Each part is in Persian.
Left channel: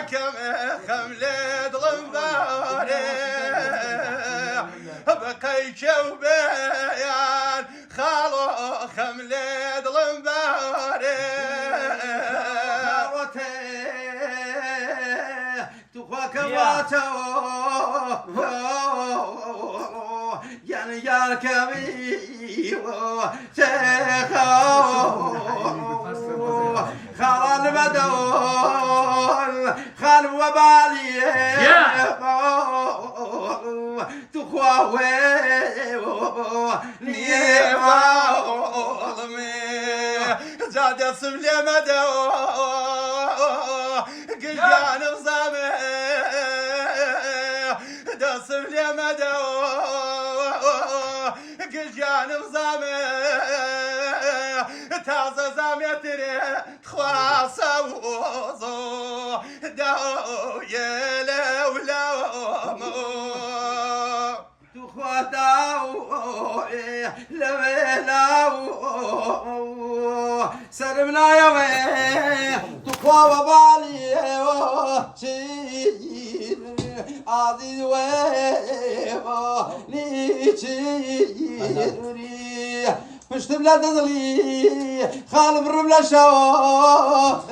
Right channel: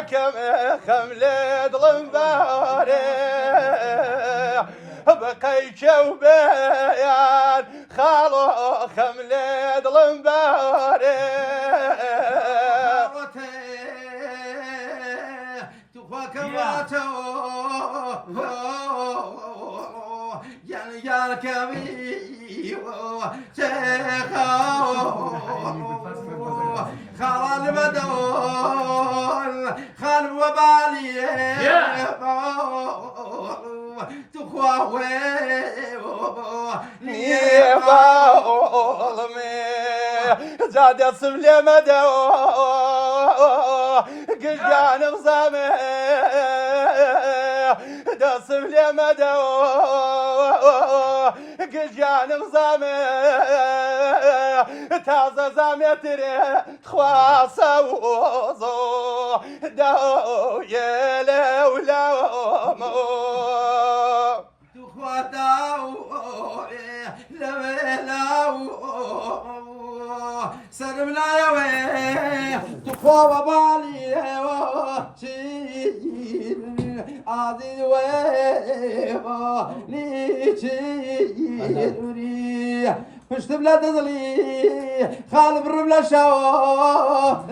كم خملت ضمباري بقي جوبيان خالو خملت ضمباري يعني يا كبير خال المدول خال وبالي تخوى نيبا ظلمي زاد الصبلي مدول قجان بصامي دصب لي مدول قجان بصامي تازه زامتري خواصه وزو دو يلي ولومو تخواتاو لويلاو سرمنا يا وين تخوا بالي شين عزيز ويبا نيشيني پشت بلاد ظلي خالب الرملة شاور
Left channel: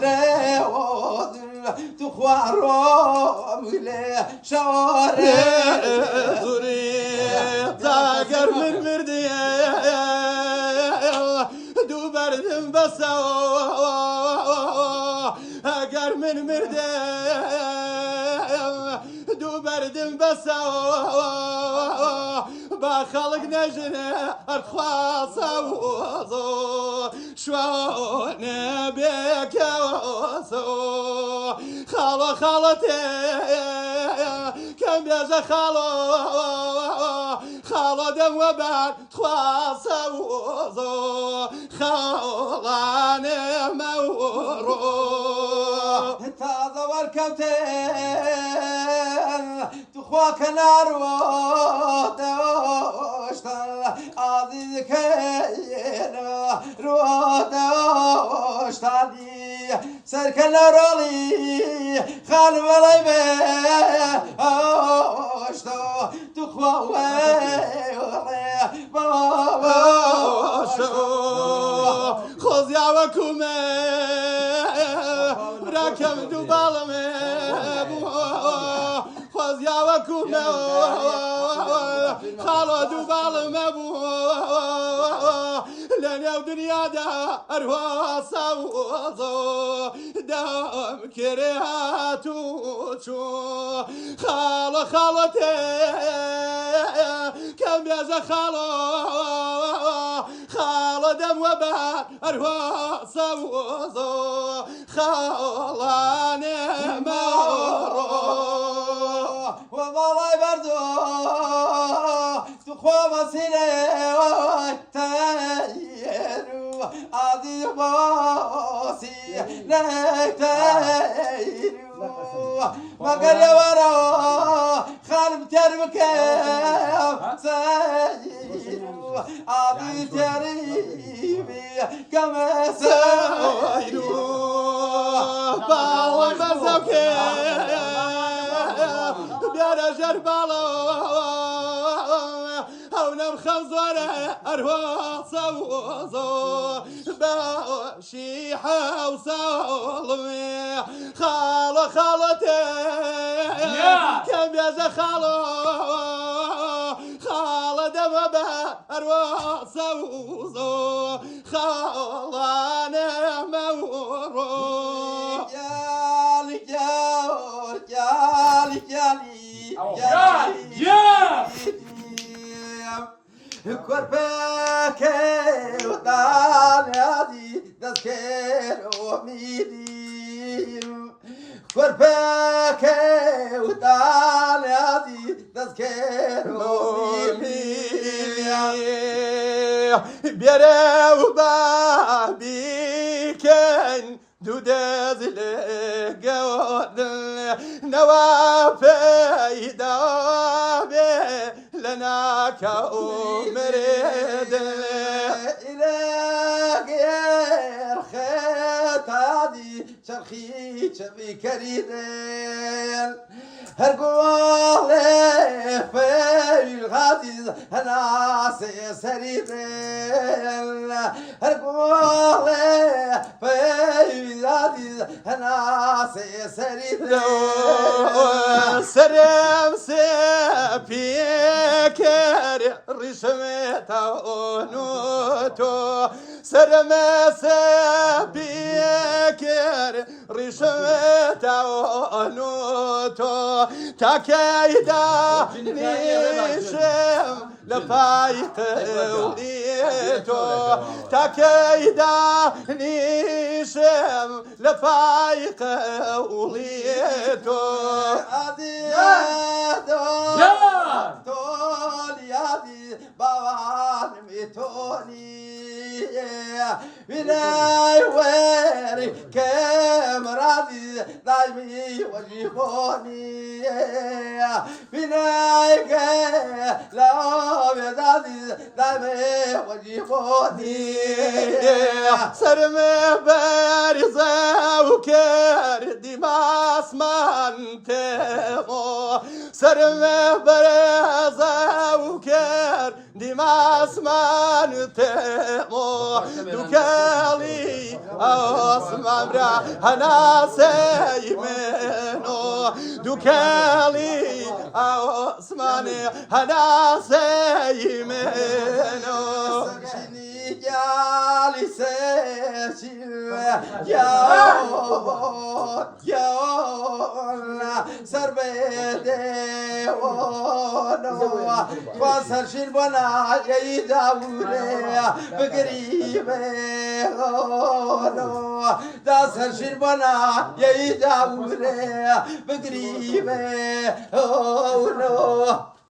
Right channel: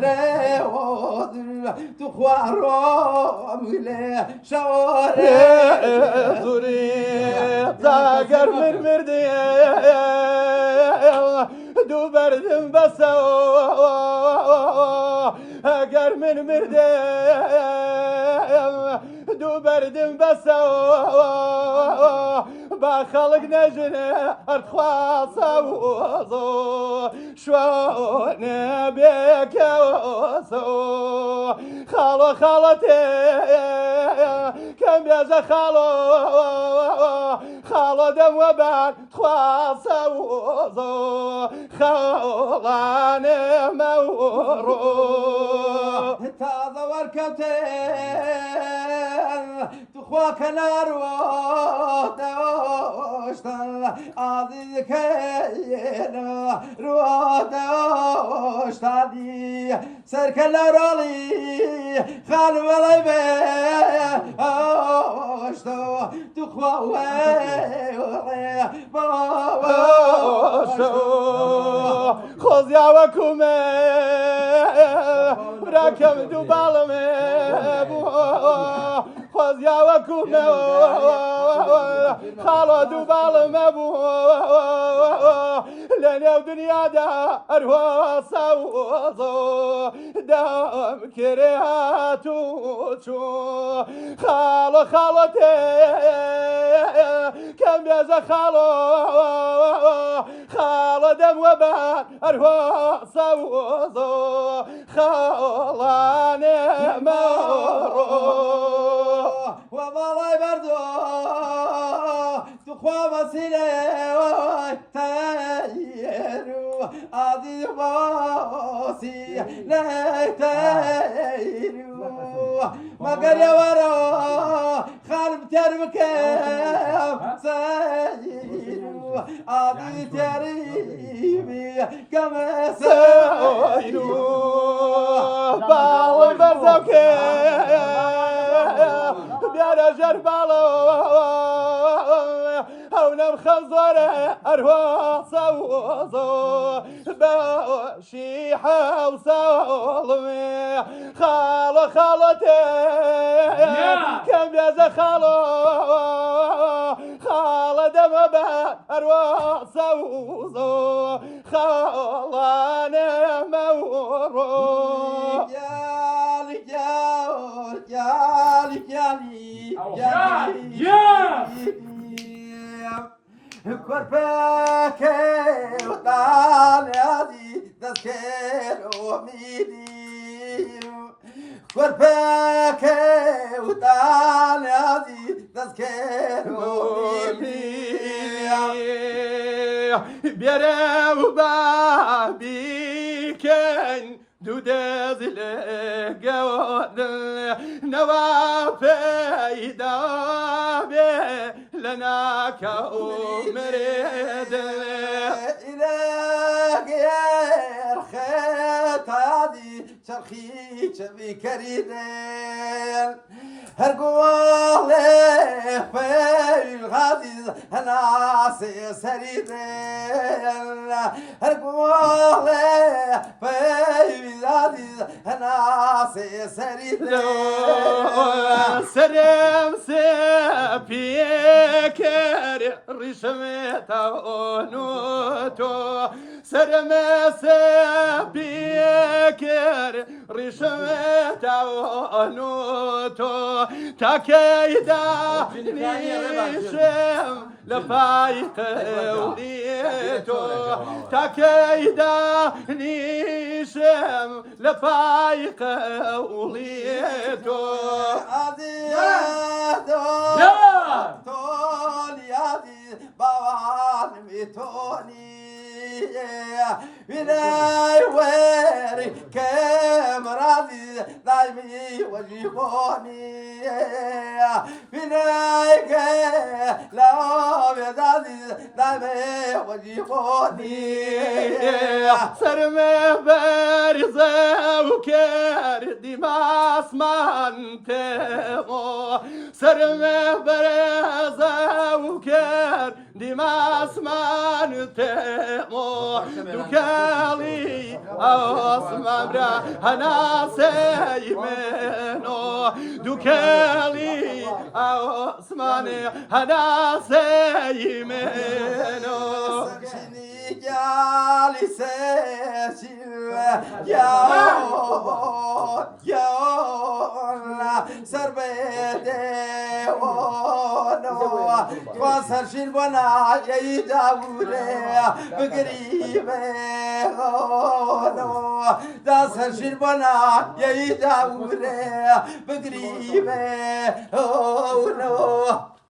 تخوا روملي شاور زوري زاقر من مردية دو بردم بسو اقر من مردية دو بردم بسو با خلق نجنه ارخواصه وزو شوانه بك وزو خالو خالتي كم بيجا خالو دم وبان خواصه وزو خالانه مورو تازه وركوتي تخواك نارو دوشتن عزيز كينا رو دوشتني سركن رولي خال ولا باشتو تخوا خوز يا وكومي راكم دو بالمي خوز يا وكومي خالو دو بالمي لنا دنيا دار وصوصو دام كرياتو خالو خالتي كم يا خالو دم وبان أروى صوصو خالاني مورو والله بردو تخوى مسينة تايرو عادي باسي نتايرو مقر يورا خالب تربكم سايرو عادي تريبي كما سايرو باو بزوكي بيانا جربالو او نمخزورة أروى صوصو باشيحة وصولمي خالتي كم يا خالو دم أروى صوصو خالاني مورو كربك وطالعي تذكر أميدي كربك وطالعي تذكر أميدي بيرا وبابي كان دوداز لقود نوافي دابي لنا كأمرد إلهي يا خير تادي شرخي شبي كريدين هرقول في الغادي هنا سريدين هرقول في الغادي هنا سريدين سرم سبيكر رسمت نوتو سرم سبيكر رسمت نوتو تكيدا نيشم لفايت وليتو تكيدا نيشم لفايق وليتو بناي ويري كامرادي دايمي وجيبوني بناي لا بدادي دايمي وجيبوني سرمه برزه وكر ديماس منتمو سرمه برزه وكر ديماس منتمو دوكالي اسمم را هنا سيمنو دوكالي اسمان هنا سيمنو جالي سيشيل يا سربيدي ونو تواسر شيل بنا يداوري بقريبه ونو داسر شيل بنا يداوري بقريبه